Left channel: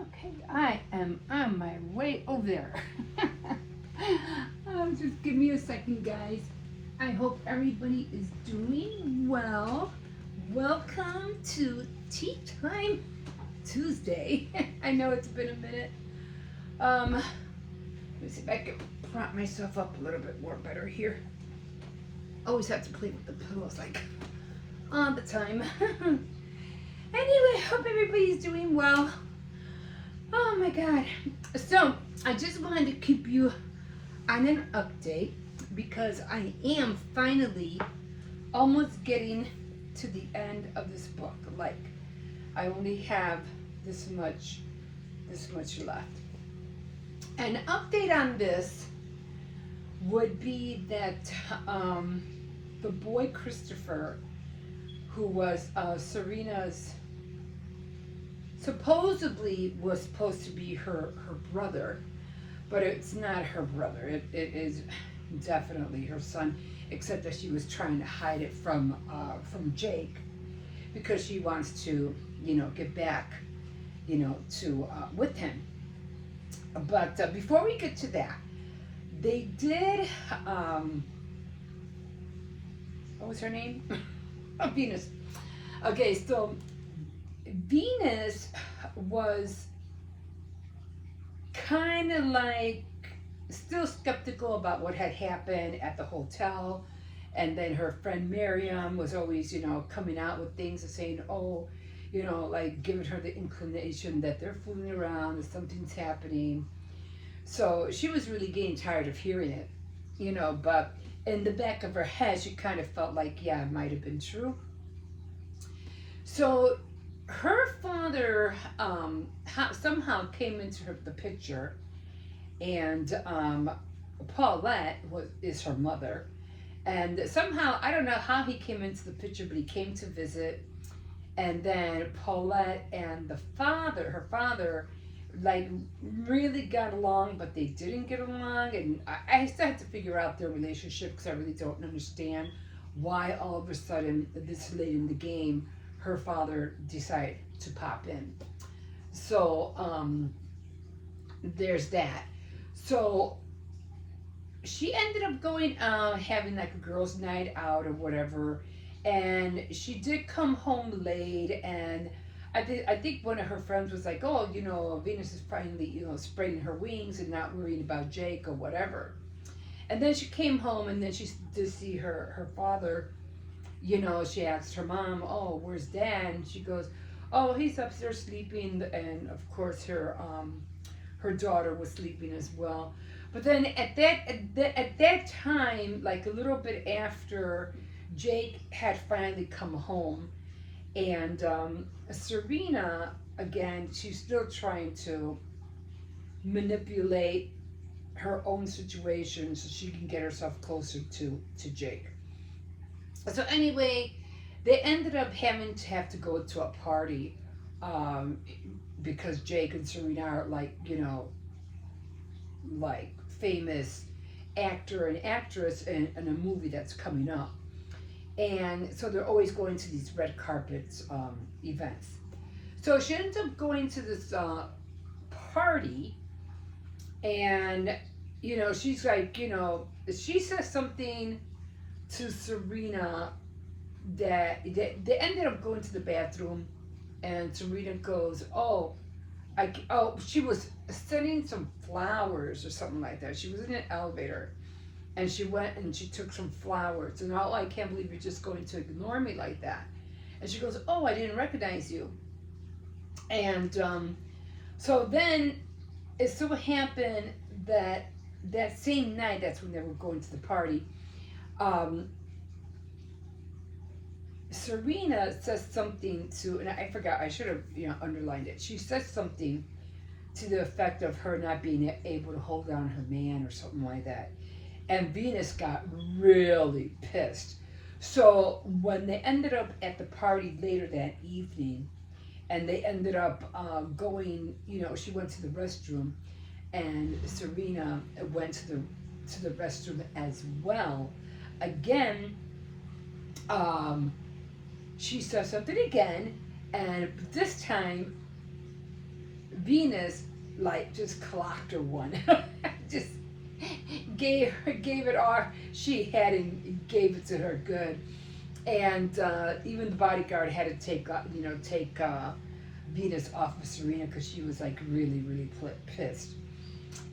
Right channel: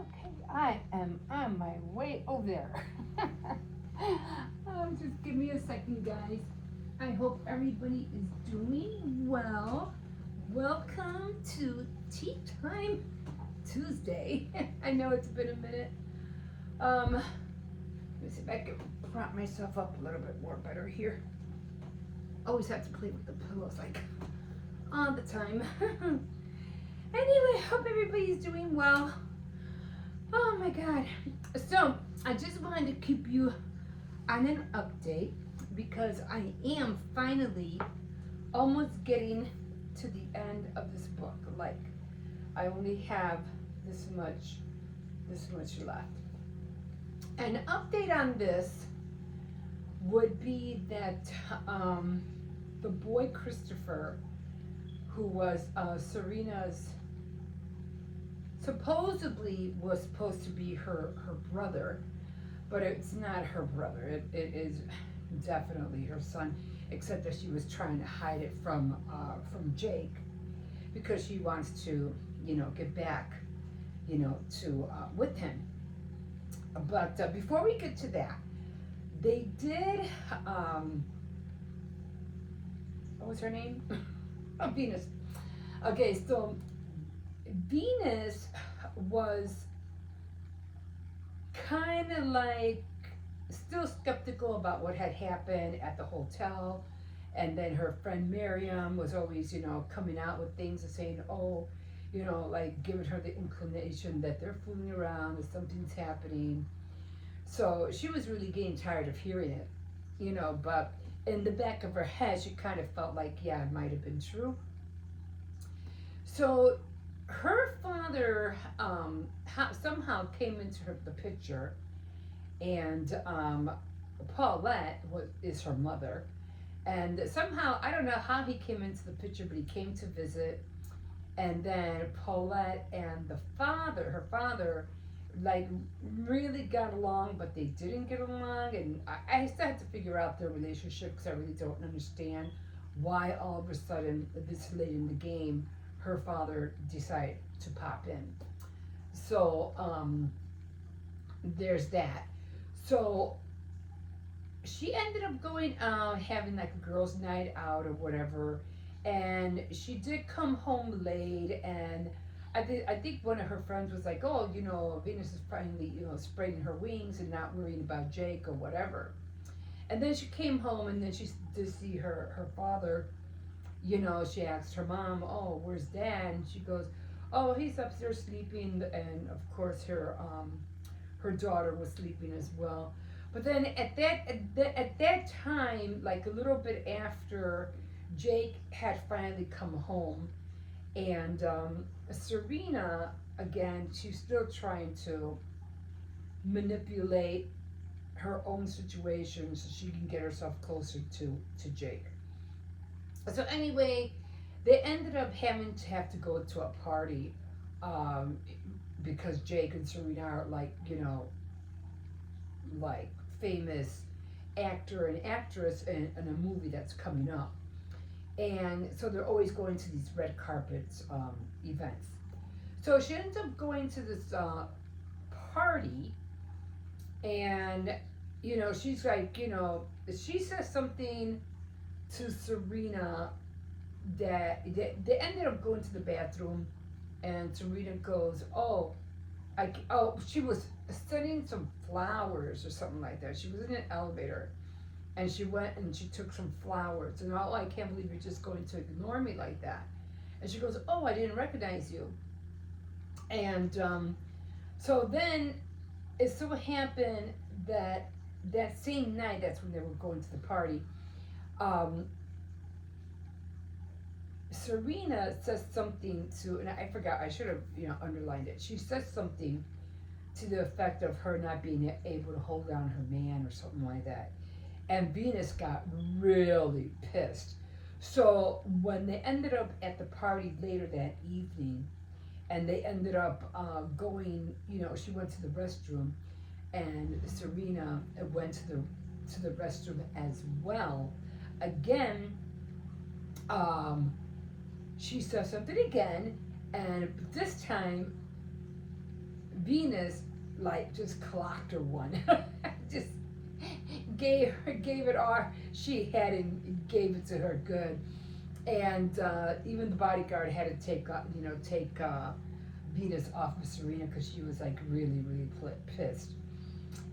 Okay, I am on my way over there. Just give me a second, guys. I hope everybody is doing well. Welcome to Tea Time Tuesday. I know it's been a minute. Let me see if I can prop myself up a little bit more better here. Always have to play with the pillows like all the time. Anyway, hope everybody's doing well. Oh my God. So, I just wanted to keep you on an update because I am finally almost getting to the end of this book. Like, I only have this much left. An update on this would be that the boy Christopher, who was Serena's supposedly was supposed to be her brother, but it's not her brother. It is definitely her son, except that she was trying to hide it from Jake because she wants to, get back, to with him. But before we get to that, they did. What was her name? Venus. Okay, so Venus was kind of like still skeptical about what had happened at the hotel. And then her friend Miriam was always, coming out with things and saying, oh, like giving her the inclination that they're fooling around and something's happening. So she was really getting tired of hearing it, but in the back of her head, she kind of felt like, yeah, it might have been true. So her father somehow came into the picture, and Paulette is her mother. And somehow, I don't know how he came into the picture, but he came to visit. And then Paulette and her father, like really got along, but they didn't get along. And I still had to figure out their relationship because I really don't understand why all of a sudden, this late in the game, her father decided to pop in. So there's that. So she ended up going out, having like a girls' night out or whatever, and she did come home late. And I think one of her friends was like, "Oh, Venus is finally, spreading her wings and not worried about Jake or whatever." And then she came home, and then she did see her father. She asked her mom, "Oh, where's Dad?" And she goes, "Oh, he's upstairs sleeping." And of course, her daughter was sleeping as well. But then at that time, like a little bit after Jake had finally come home, and Serena, again, she's still trying to manipulate her own situation so she can get herself closer to Jake. So anyway, they ended up having to go to a party, um, because Jake and Serena are like, like famous actor and actress in a movie that's coming up. And so they're always going to these red carpet events. So she ends up going to this party, and she's like, she says something to Serena that they ended up going to the bathroom, and Serena goes, "Oh, she was sending some flowers or something like that. She was in an elevator, and she went and she took some flowers, and I can't believe you're just going to ignore me like that." And she goes, "Oh, I didn't recognize you." And so then it so happened that that same night, that's when they were going to the party, um, Serena says something to, and I forgot, I should have underlined it. She says something to the effect of her not being able to hold down her man or something like that. And Venus got really pissed. So when they ended up at the party later that evening, and they ended up going, she went to the restroom, and Serena went to the restroom as well. Again, um, she says something again, and this time Venus like just clocked her one, just gave it all she had and gave it to her good. And even the bodyguard had to take Venus off of Serena because she was like really pissed.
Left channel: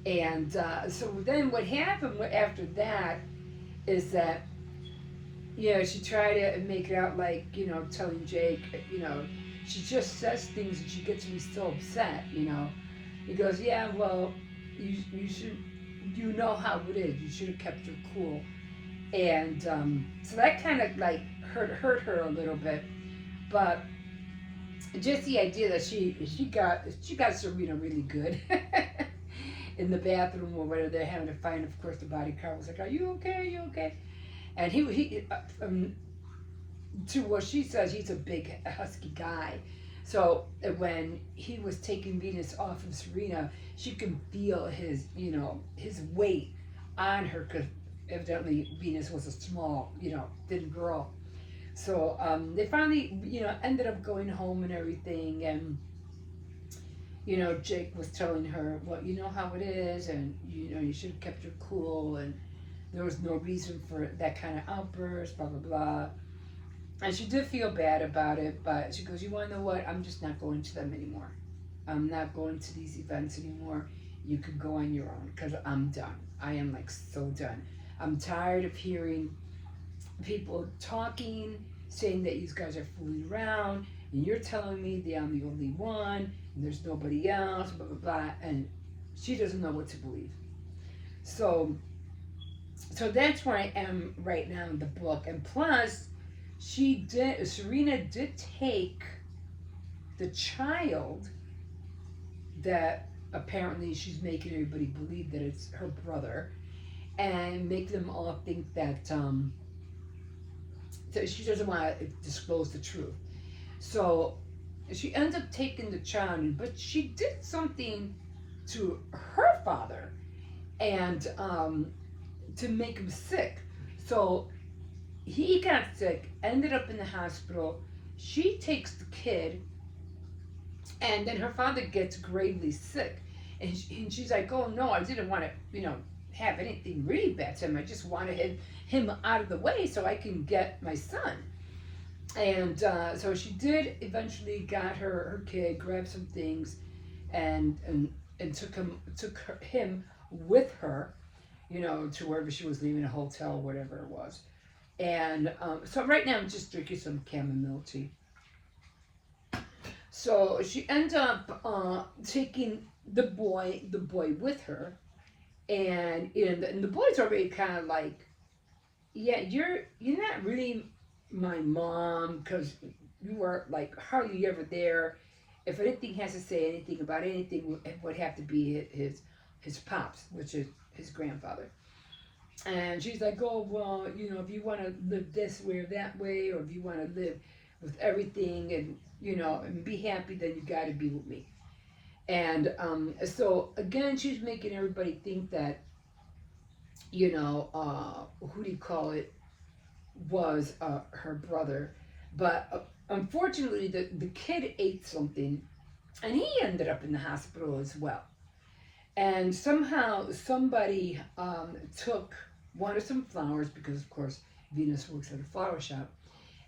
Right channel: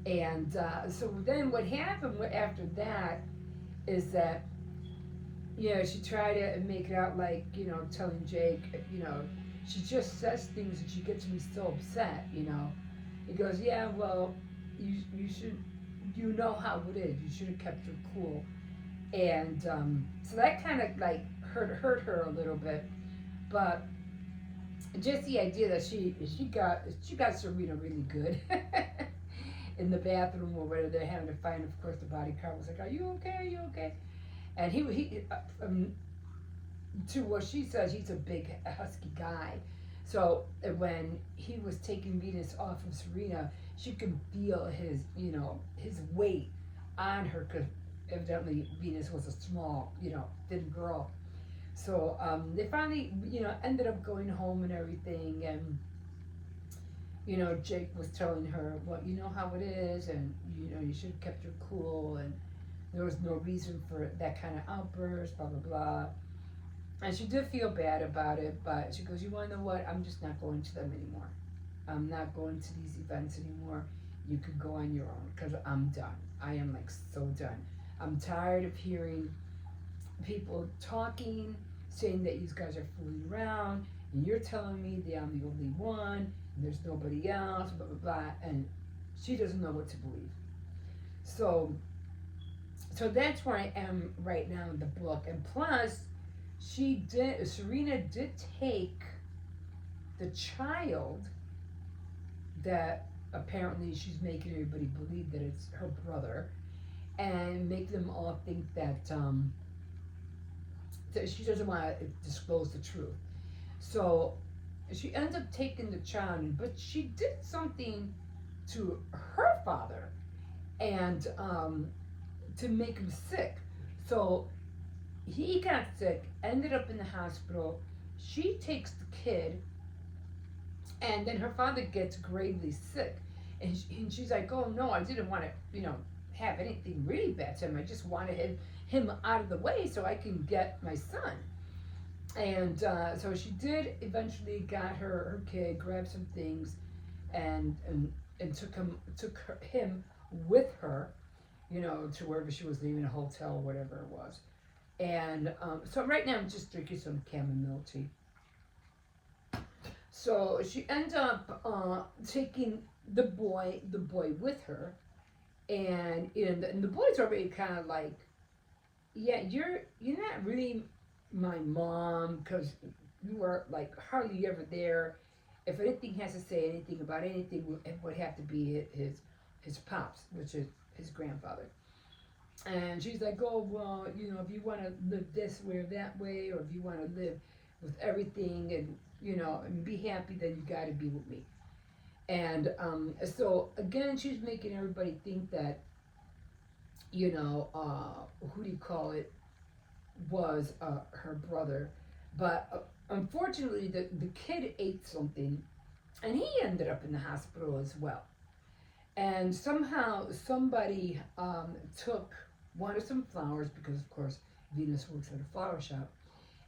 And so then what happened after that is that she tried to make it out like telling Jake she just says things and she gets me so upset. He goes, yeah, well, you should how it is. You should have kept her cool. And so that kind of like hurt her a little bit, but just the idea that she got Serena really good in the bathroom or whatever they're having a fight. Of course, the bodyguard was like, "Are you okay? Are you okay?" And to what she says, he's a big husky guy. So when he was taking Venus off of Serena, she can feel his weight on her because evidently Venus was a small, thin girl. So they finally, ended up going home and everything. And, Jake was telling her, well, you know how it is. And, you should have kept your cool. And there was no reason for that kind of outburst, blah, blah, blah. And she did feel bad about it. But she goes, you want to know what? I'm just not going to them anymore. I'm not going to these events anymore. You can go on your own because I'm done. I am like so done. I'm tired of hearing people talking, saying that you guys are fooling around, and you're telling me that I'm the only one, and there's nobody else, blah, blah, blah. And she doesn't know what to believe. So that's where I am right now in the book. And plus, Serena did take the child that apparently she's making everybody believe that it's her brother and make them all think that she doesn't want to disclose the truth. So she ends up taking the child, but she did something to her father and to make him sick. So he got sick, ended up in the hospital. She takes the kid, and then her father gets gravely sick. And she's like, oh no, I didn't want to, have anything really bad to him. I just wanted him out of the way so I can get my son. And so she did eventually got her kid, grabbed some things, and took him with her, to wherever she was leaving, a hotel, whatever it was. And so right now I'm just drinking some chamomile tea. So she ends up taking the boy with her, and the boy's already kind of like, yeah, you're not really my mom because you were like hardly ever there. If anything has to say anything about anything, it would have to be his pops, which is his grandfather. And she's like, oh well, if you want to live this way or that way, or if you want to live with everything and and be happy, then you got to be with me. And so again, she's making everybody think that who do you call it was her brother, but unfortunately the kid ate something, and he ended up in the hospital as well. And somehow somebody wanted some flowers because of course Venus works at a flower shop,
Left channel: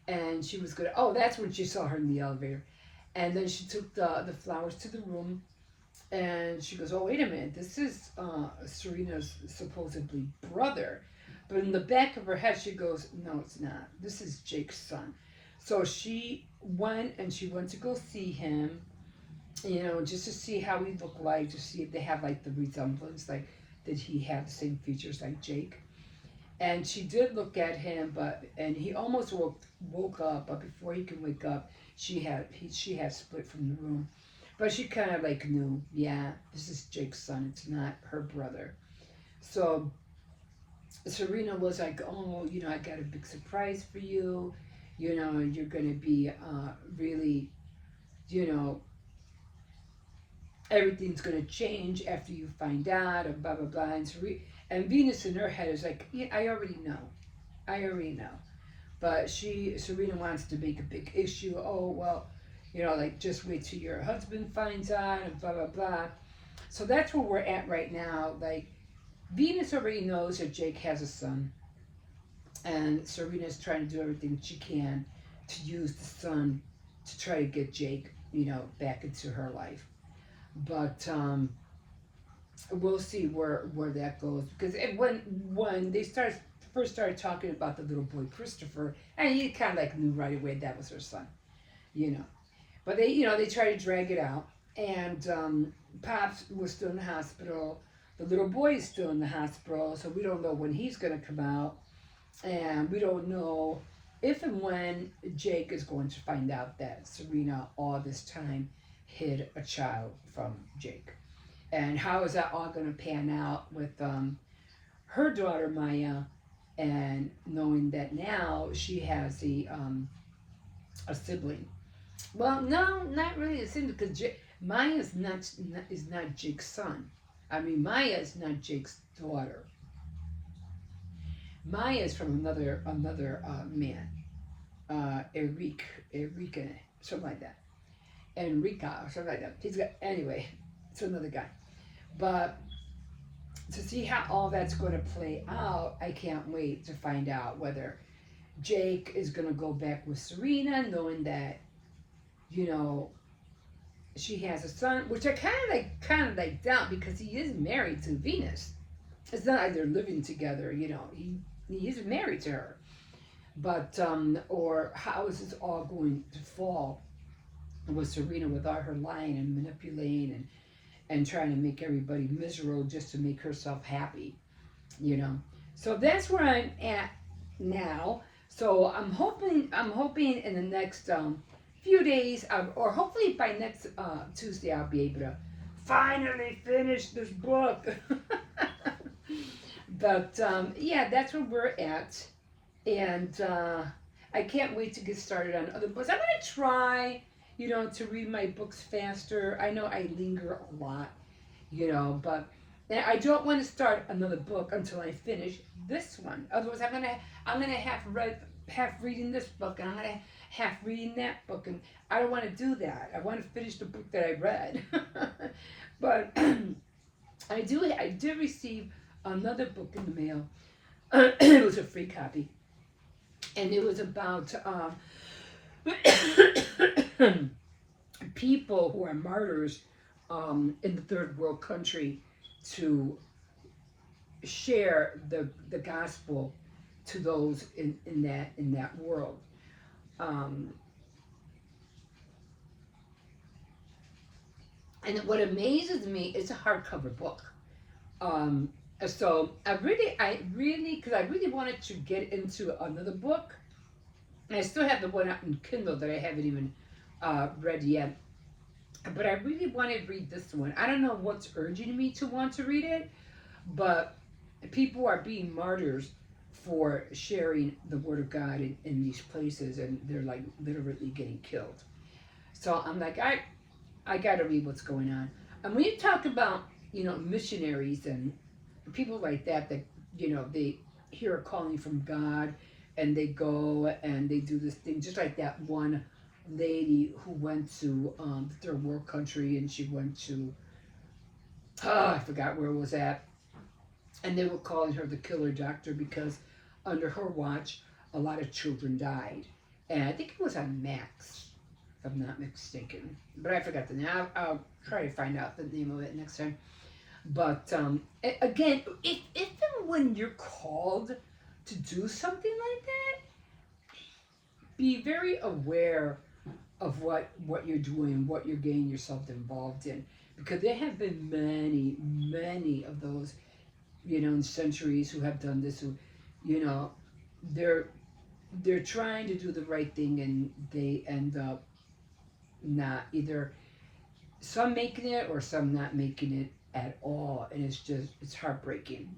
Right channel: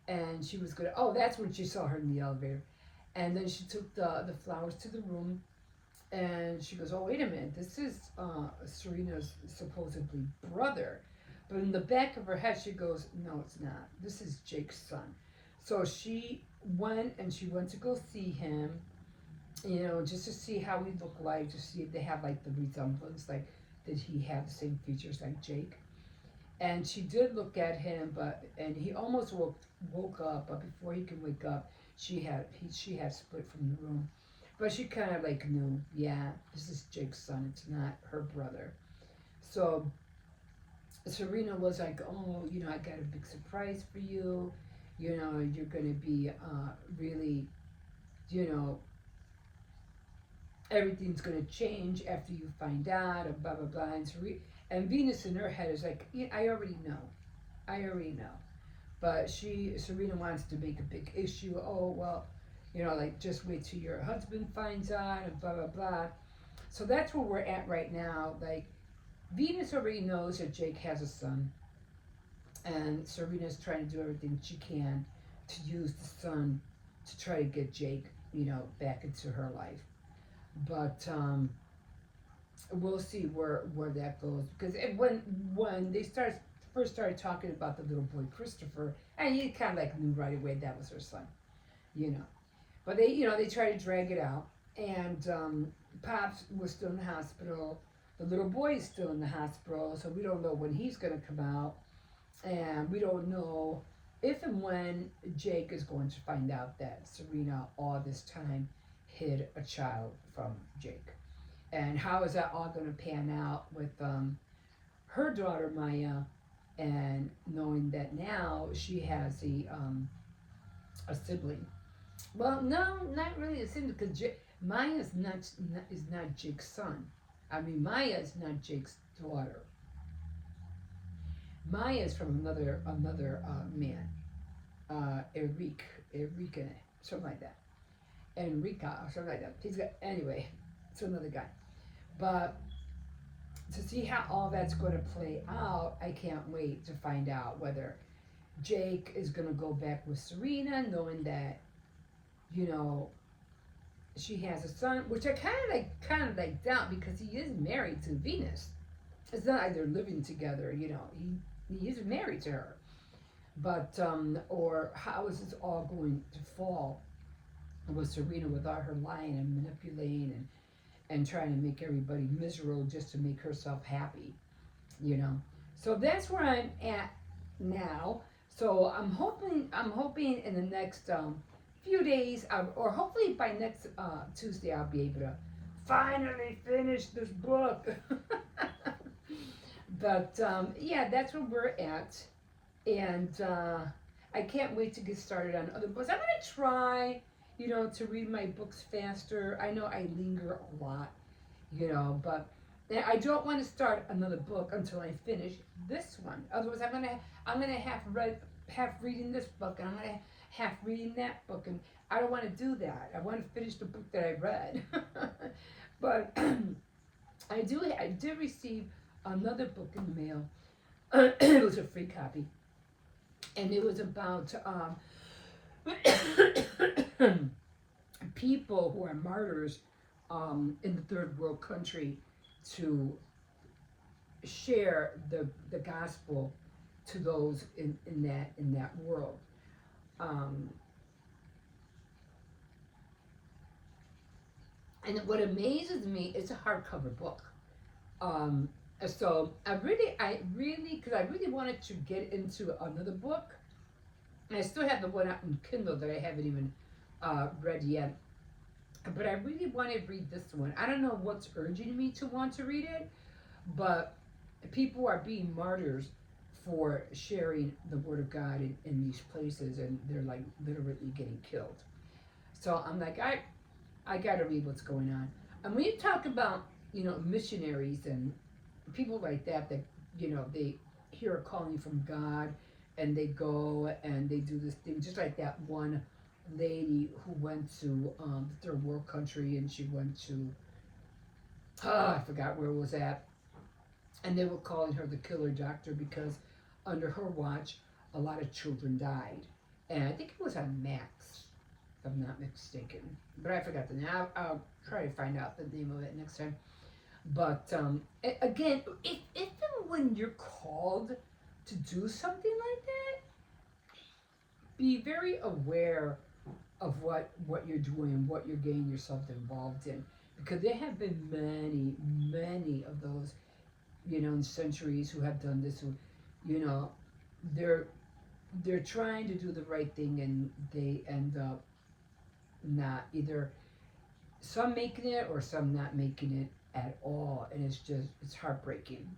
and she was gonna. Oh, that's when she saw her in the elevator, and then she took the flowers to the room, and she goes, "Oh, wait a minute, this is Serena's supposedly brother," but in the back of her head she goes, "No, it's not. This is Jake's son." So she went to go see him, just to see how he looked like, to see if they have like the resemblance, like did he have the same features like Jake. And she did look at him, and he almost woke up, but before he could wake up, she had split from the room. But she kind of like knew, yeah, this is Jake's son. It's not her brother. So Serena was like, oh, I got a big surprise for you. You're gonna be really, you know, everything's gonna change after you find out, and blah blah blah. And Venus in her head is like, yeah, I already know. But Serena wants to make a big issue. Oh well, like just wait till your husband finds out and blah blah blah. So that's where we're at right now. Like Venus already knows that Jake has a son, and Serena's trying to do everything she can to use the son to try to get Jake, back into her life. But we'll see where that goes, because when they first started talking about the little boy Christopher, and he kind of like knew right away that was her son, you know. But they tried to drag it out, and Pops was still in the hospital. The little boy is still in the hospital, so we don't know when he's gonna come out, and we don't know if and when Jake is going to find out that Serena all this time hid a child from Jake. And how is that all going to pan out with her daughter Maya, and knowing that now she has a sibling? Well, no, not really a sibling, because Maya is not Jake's son. I mean, Maya is not Jake's daughter. Maya is from another man, Enrique, something like that, Enrica or something like that. He's got anyway. It's another guy, but to see how all that's going to play out, I can't wait to find out whether Jake is going to go back with Serena, knowing that she has a son, which I kind of like doubt, because he is married to Venus. It's not like they're living together, he is married to her. But or how is this all going to fall with Serena, with all her lying and manipulating and trying to make everybody miserable just to make herself happy. So that's where I'm at now. So I'm hoping in the next few days, or hopefully by next Tuesday, I'll be able to finally finish this book. But yeah, that's where we're at, and I can't wait to get started on other books. I'm gonna try, to read my books faster. I know I linger a lot, but I don't want to start another book until I finish this one. Otherwise, I'm gonna half reading this book, and I'm gonna half reading that book, and I don't want to do that. I want to finish the book that I read. But I did receive another book in the mail. It was a free copy, and it was about people who are martyrs in the third world country, to share the gospel to those in that world. And what amazes me, it's a hardcover book. So I really, because I really wanted to get into another book, and I still have the one out in Kindle that I haven't even read yet. But I really want to read this one. I don't know what's urging me to want to read it, but people are being martyrs for sharing the word of God in these places, and they're like literally getting killed. So I'm like, I got to read what's going on. And when you talk about missionaries and people like that they hear a calling from God, and they go and they do this thing, just like that one lady who went to the third world country, and she went to I forgot where it was at, and they were calling her the killer doctor, because under her watch a lot of children died, and I think it was on Max, if I'm not mistaken, but I forgot the name. I'll try to find out the name of it next time. But again, if and when you're called to do something like that, be very aware of what you're doing, what you're getting yourself involved in, because there have been many of those, in centuries, who have done this, who, they're trying to do the right thing, and they end up not, either some making it or some not making it at all, and it's heartbreaking.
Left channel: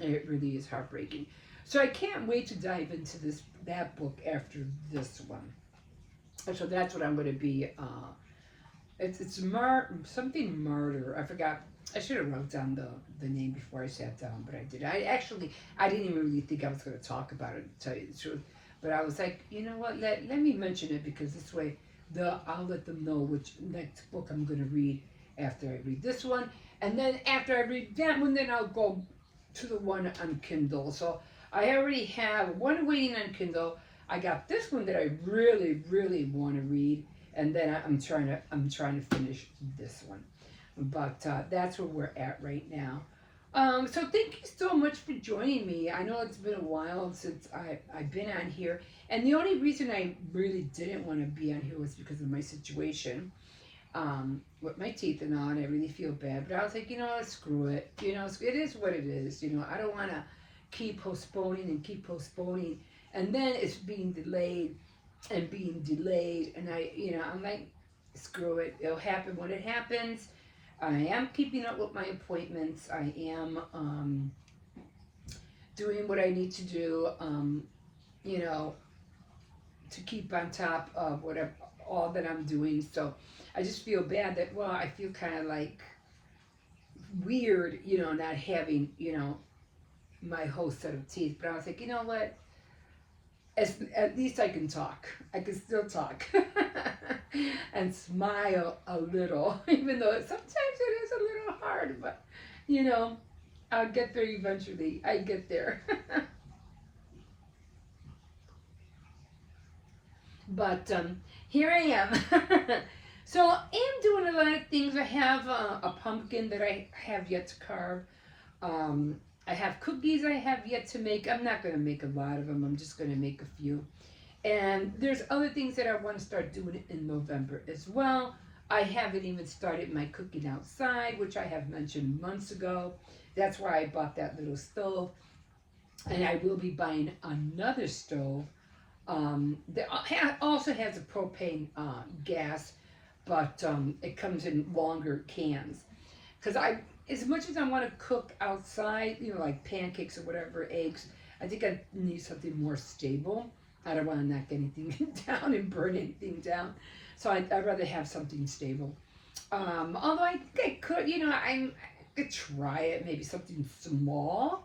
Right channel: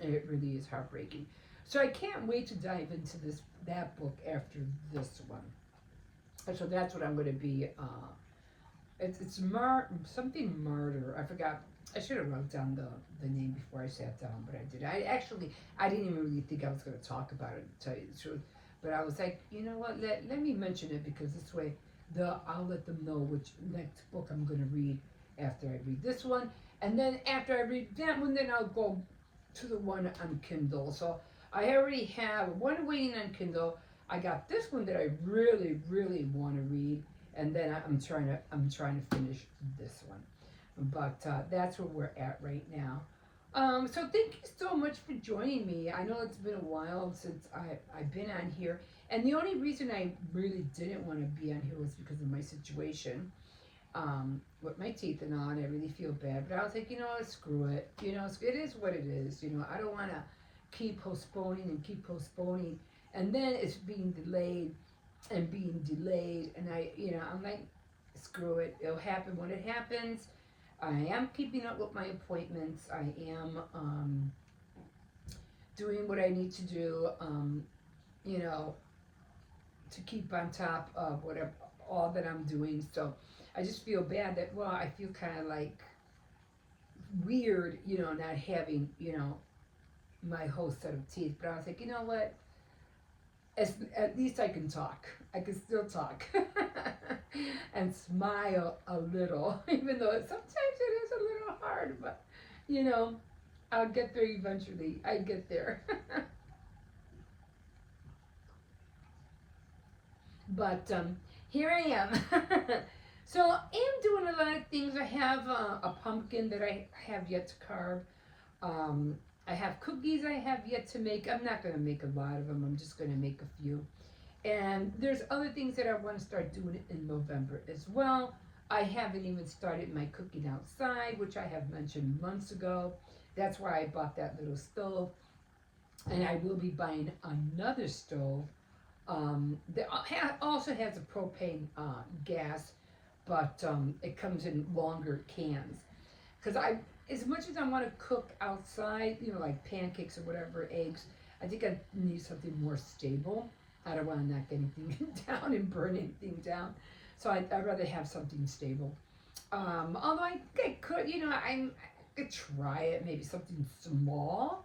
It really is heartbreaking. So I can't wait to dive into that book after this one. So that's what I'm going to be. It's something martyr. I forgot. I should have wrote down the name before I sat down, but I did. I didn't even really think I was going to talk about it, to tell you the truth. But I was like, you know what? Let me mention it, because this way I'll let them know which next book I'm going to read after I read this one, and then after I read that one, then I'll go to the one on Kindle. So I already have one waiting on Kindle. I got this one that I really, really want to read, and then I'm trying to finish this one. But that's where we're at right now. So thank you so much for joining me. I know it's been a while since I've been on here, and the only reason I really didn't want to be on here was because of my situation with my teeth and all, and I really feel bad. But I was like, screw it. It is what it is. I don't want to keep postponing and keep postponing, and then it's being delayed and being delayed, and I'm like, screw it. It'll happen when it happens. I am keeping up with my appointments. I am doing what I need to do, you know, to keep on top of whatever all that I'm doing. So I just feel bad that, well, I feel kind of like weird, not having, my whole set of teeth. But I was like, you know what? At least I can talk. I can still talk and smile a little, even though sometimes it is a little hard. But I'll get there eventually. I get there. But here I am. So I am doing a lot of things. I have a pumpkin that I have yet to carve. Um, I have cookies I have yet to make. I'm not going to make a lot of them. I'm just going to make a few. And there's other things that I want to start doing in November as well. I haven't even started my cooking outside, which I have mentioned months ago. That's why I bought that little stove. And I will be buying another stove that also has a propane gas, but it comes in longer cans. Because as much as I want to cook outside, like pancakes or whatever, eggs, I think I need something more stable. I don't want to knock anything down and burn anything down. So I'd rather have something stable. Although I think I could, I could try it, maybe something small,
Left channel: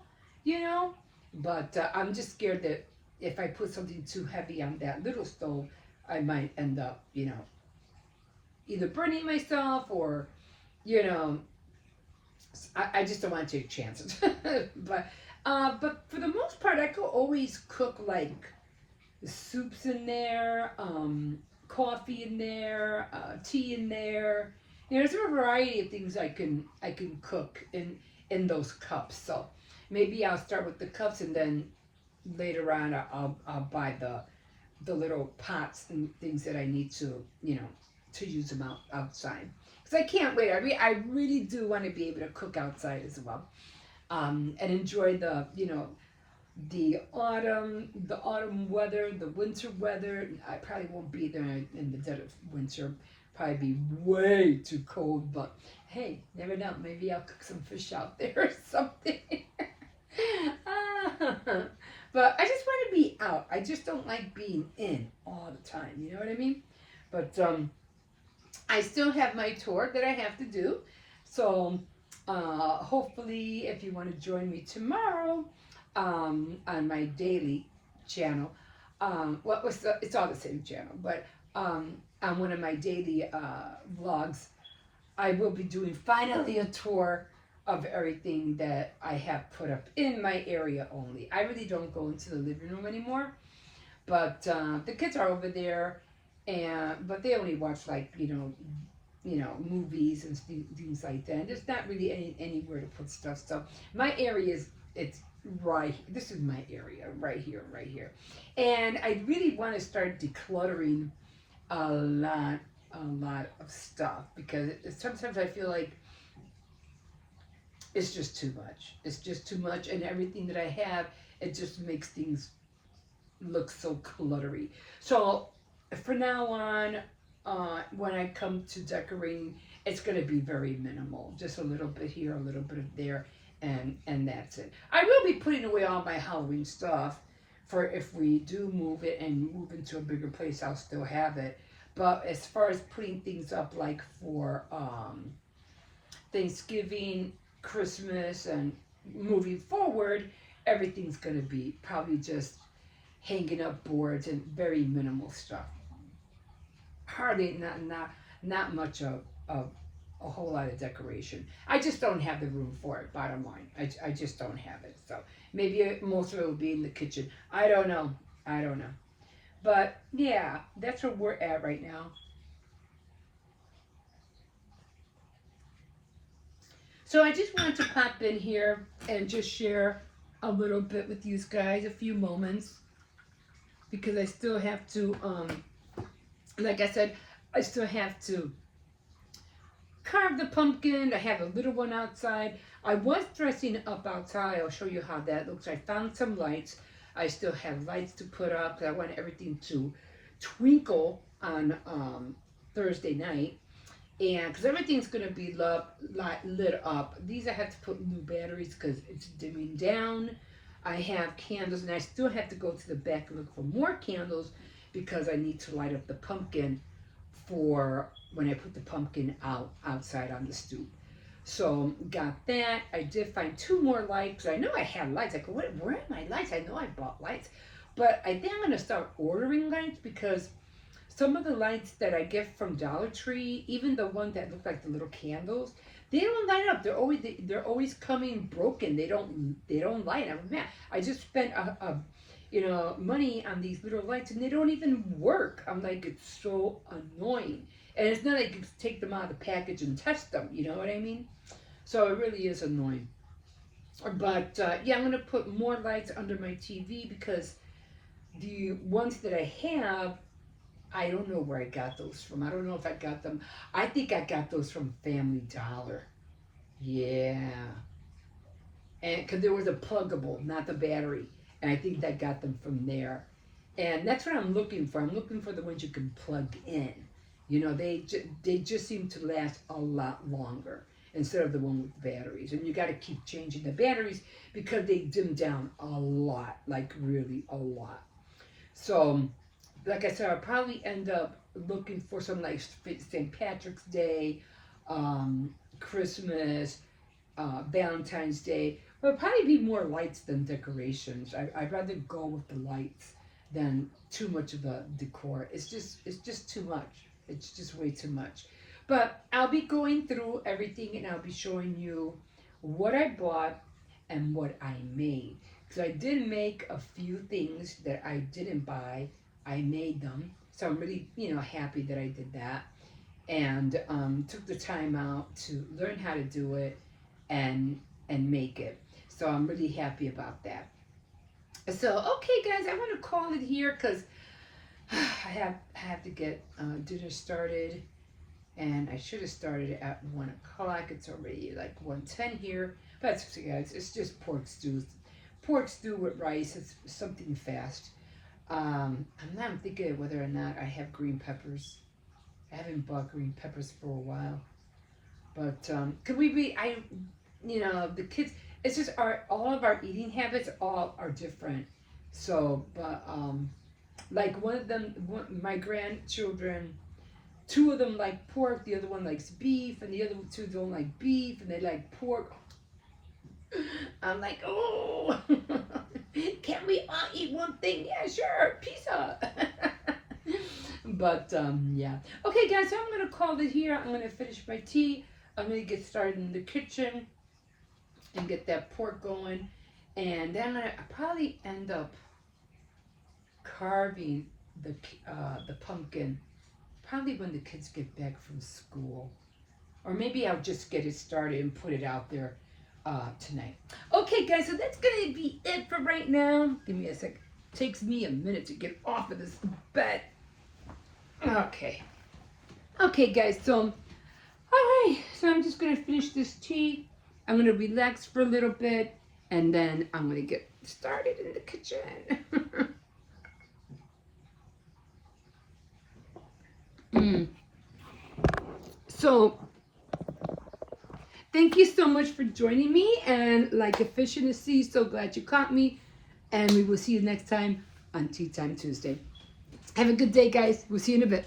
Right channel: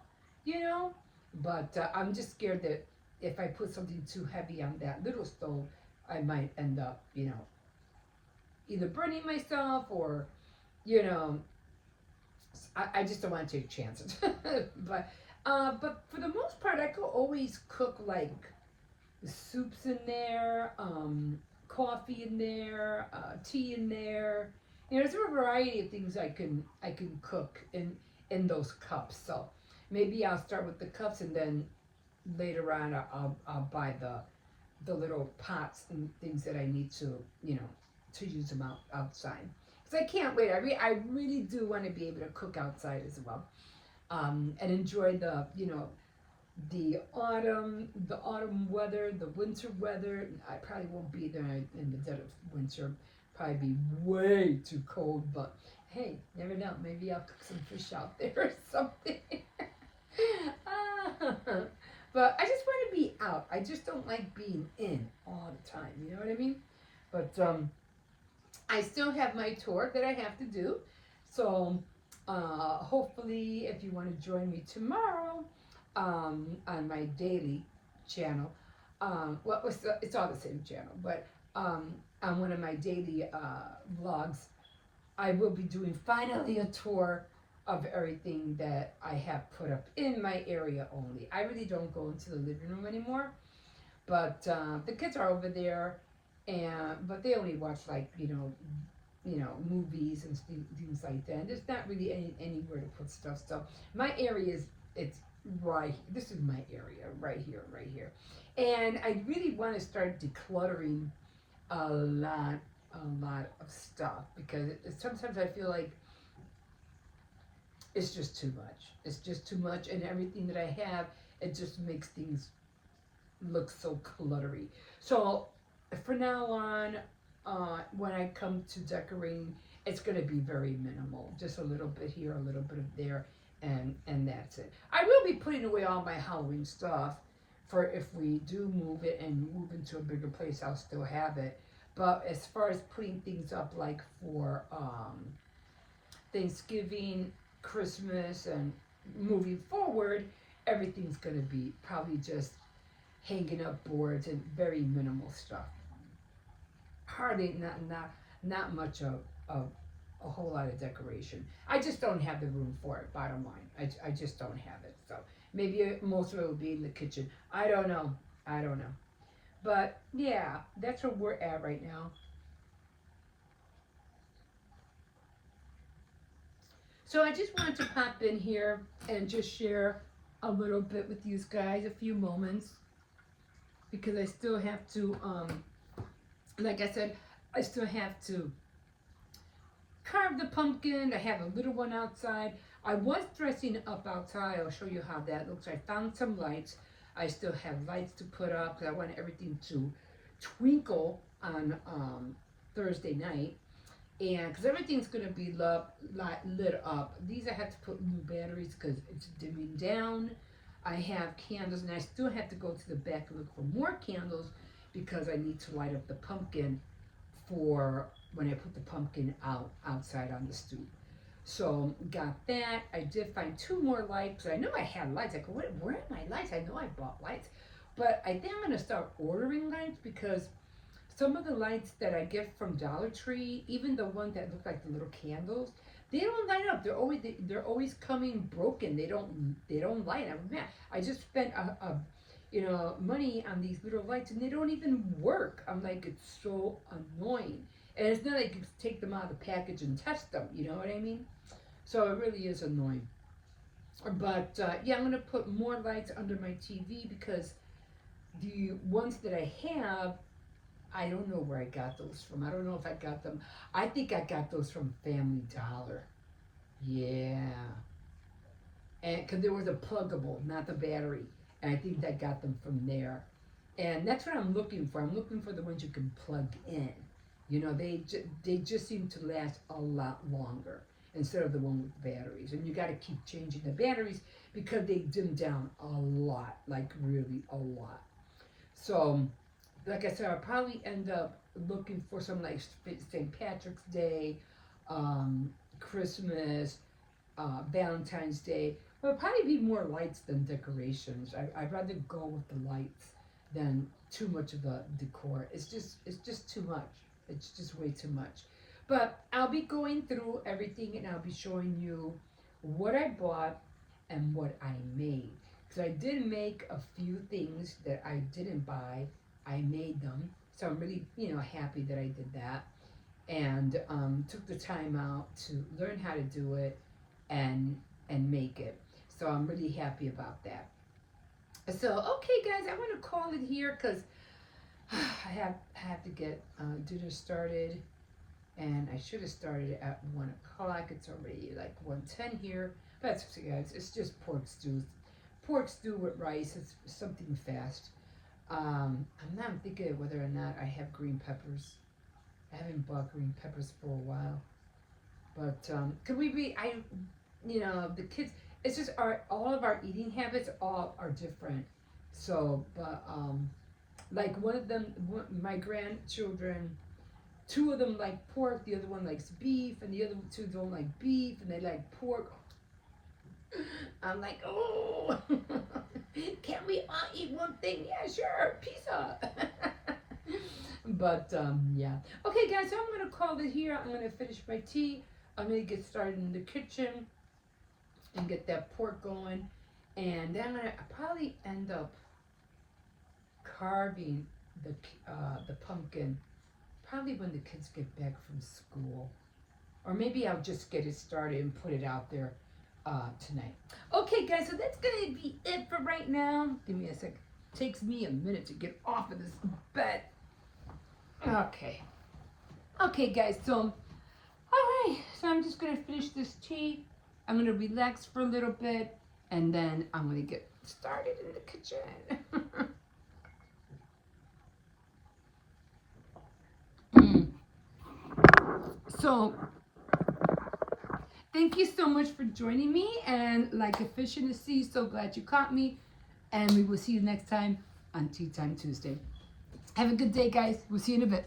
but I'm just scared that if I put something too heavy on that little stove, I might end up, either burning myself or, you know, I just don't want to take chances. But for the most part, I could always cook like soups in there, coffee in there, tea in there. There's a variety of things I can cook in those cups. So maybe I'll start with the cups, and then later on I'll buy the little pots and things that I need to to use them outside. Because I can't wait. I really do want to be able to cook outside as well, and enjoy the autumn weather, the winter weather. I probably won't be there in the dead of winter. Probably be way too cold, but hey, never know. Maybe I'll cook some fish out there or something. But I just want to be out. I just don't like being in all the time. You know what I mean? But I still have my tour that I have to do. So hopefully, if you want to join me tomorrow on my daily channel, it's all the same channel, but on one of my daily vlogs, I will be doing finally a tour of everything that I have put up in my area only. I really don't go into the living room anymore, but the kids are over there, but they only watch like movies and things like that. And there's not really anywhere to put stuff. So my area it's right. This is my area right here, and I really want to start decluttering a lot of stuff, because sometimes I feel like it's just too much. It's just too much, and everything that I have, it just makes things look so cluttery. So for now on, when I come to decorating, it's going to be very minimal. Just a little bit here, a little bit there, and that's it. I will be putting away all my Halloween stuff for if we do move it and move into a bigger place, I'll still have it. But as far as putting things up like for Thanksgiving, Christmas, and moving forward, everything's going to be probably just hanging up boards and very minimal stuff. hardly not much of a whole lot of decoration. I just don't have the room for it. Bottom line, I just don't have it. So maybe most of it will be in the kitchen. I don't know. I don't know. But yeah, that's where we're at right now. So I just wanted to pop in here and just share a little bit with you guys, a few moments, because I still have to, like I said, I still have to carve the pumpkin. I have a little one outside. I was dressing up outside. I'll show you how that looks. I found some lights. I still have lights to put up. I want everything to twinkle on Thursday night. And because everything's going to be lit up. These I have to put new batteries because it's dimming down. I have candles, and I still have to go to the back and look for more candles because I need to light up the pumpkin for when I put the pumpkin outside on the stoop. So got that. I did find 2 more lights. I know I had lights. I go, where are my lights? I know I bought lights, but I think I'm going to start ordering lights because some of the lights that I get from Dollar Tree, even the ones that look like the little candles, they don't light up. They're always coming broken. They don't light. I'm mad. I just spent money on these little lights and they don't even work. I'm like, it's so annoying. And it's not like you take them out of the package and test them. You know what I mean? So it really is annoying. But yeah, I'm gonna put more lights under my TV because the ones that I have, I don't know where I got those from. I don't know if I got them. I think I got those from Family Dollar. Yeah. And because there was a pluggable, not the battery. And I think I got them from there. And that's what I'm looking for. I'm looking for the ones you can plug in. You know, they just seem to last a lot longer instead of the one with batteries. And you got to keep changing the batteries because they dim down a lot, like really a lot. So, like I said, I'll probably end up looking for some like St. Patrick's Day, Christmas, Valentine's Day. But it'll probably be more lights than decorations. I'd rather go with the lights than too much of the decor. It's just too much. It's just way too much. But I'll be going through everything and I'll be showing you what I bought and what I made. Because I did make a few things that I didn't buy. I made them. So I'm really, happy that I did that. And took the time out to learn how to do it and make it. So I'm really happy about that. So, okay guys, I want to call it here because I have to get dinner started, and I should have started at 1 o'clock. It's already like 1:10 here. But that's okay, guys. It's just pork stew with rice. It's something fast. I'm thinking whether or not I have green peppers. I haven't bought green peppers for a while. But could we be? The kids. It's just all of our eating habits all are different. So, but like my grandchildren, 2 of them like pork, the other one likes beef, and the other 2 don't like beef, and they like pork. I'm like, oh, can we all eat one thing? Yeah, sure, pizza. But yeah. Okay, guys, so I'm gonna call it here. I'm gonna finish my tea. I'm gonna get started in the kitchen and get that pork going, and then I'm gonna probably end up carving the pumpkin probably when the kids get back from school, or maybe I'll just get it started and put it out there tonight. Okay guys, so that's gonna be it for right now. Give me a sec. Takes me a minute to get off of this bed. Okay guys, so alright, so I'm just gonna finish this tea. I'm gonna relax for a little bit, and then I'm gonna get started in the kitchen. So, thank you so much for joining me, and like a fish in the sea, so glad you caught me, and we will see you next time on Tea Time Tuesday. Have a good day, guys. We'll see you in a bit.